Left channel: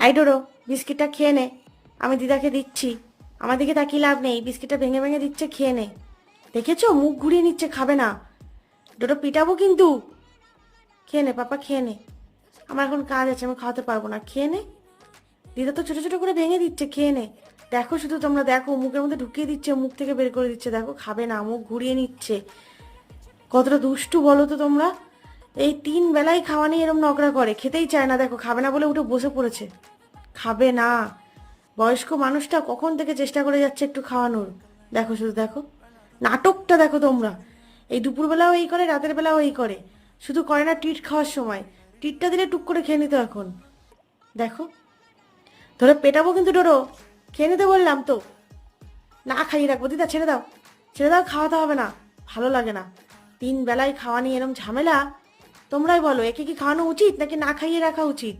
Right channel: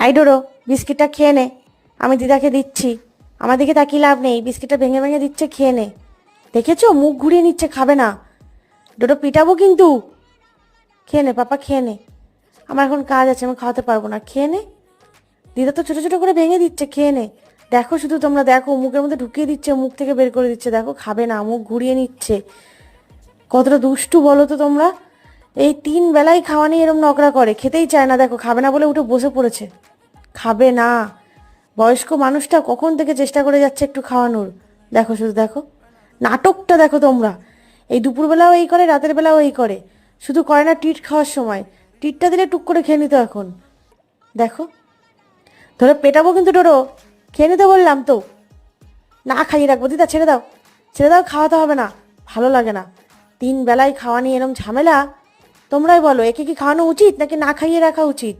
I ডোরো, বিস্কিটটা খেয়ে নে, আমি দিদাকে দিচ্ছি। আমার দিকে তাকিয়ে লাভ নেই, বিস্কিটটা ভেঙে ভেঙে দিচ্ছে, খেয়ে নে। দেখেছো, মুখ ঘুরিয়ে নিচ্ছে, খাবে না। ডোডো পিটাবো কিন্তু। খেয়ে নে পাপা, খেয়ে নে। আমার এখন কাজ আছে, আমি খাওয়াতে পারবো না, খেয়ে নে। দিদা তো ছোট ছোট করে ভেঙে দিচ্ছে, খেয়ে নে। দেখো শুধু তোমরা, দেখো মুখের মধ্যে ঢুকিয়ে দিচ্ছে, মুখ থেকে বের করে দিচ্ছে, দেখো খাবে না, মুখ ঘুরিয়ে নিচ্ছে। কতটা দুষ্টু বলো তো তোমরা। এই 3 বেলায় খাওয়া নিয়ে এরম নকরা করে, খেতেই চায় না, দেখো খাবে না বলে উঠে বসে পড়েছে। খাবে না। বয়স্ক মানুষটা কখন থেকে চেষ্টা করে যাচ্ছে একটু খাওয়ানোর। দেখো শুধু দেখো, নাটকটা দেখো তোমরা। এই দুপুরবেলাও এই করে, রাতের বেলাও এই করে। শুধু করে না ট্রিট খাওয়ার সময়, ট্রিটটা দিলে টুক করে খেয়ে নিত এখন। দেখো, ধরে পেটাবো কিন্তু ডোরো, খেয়ে নিতে বললাম তো। না খাইয়ে রাখবো, দিদা ছেড়ে দাও, ছেড়ে দাও, খাওয়াতে হবে না, ভালো লাগে না। 3 বেলায় খাওয়া নিয়ে এরম ঝামেলা। তোমরাই বলো, একে কি খাওয়ানো উচিত নাকি না খাইয়ে রাখা উচিত?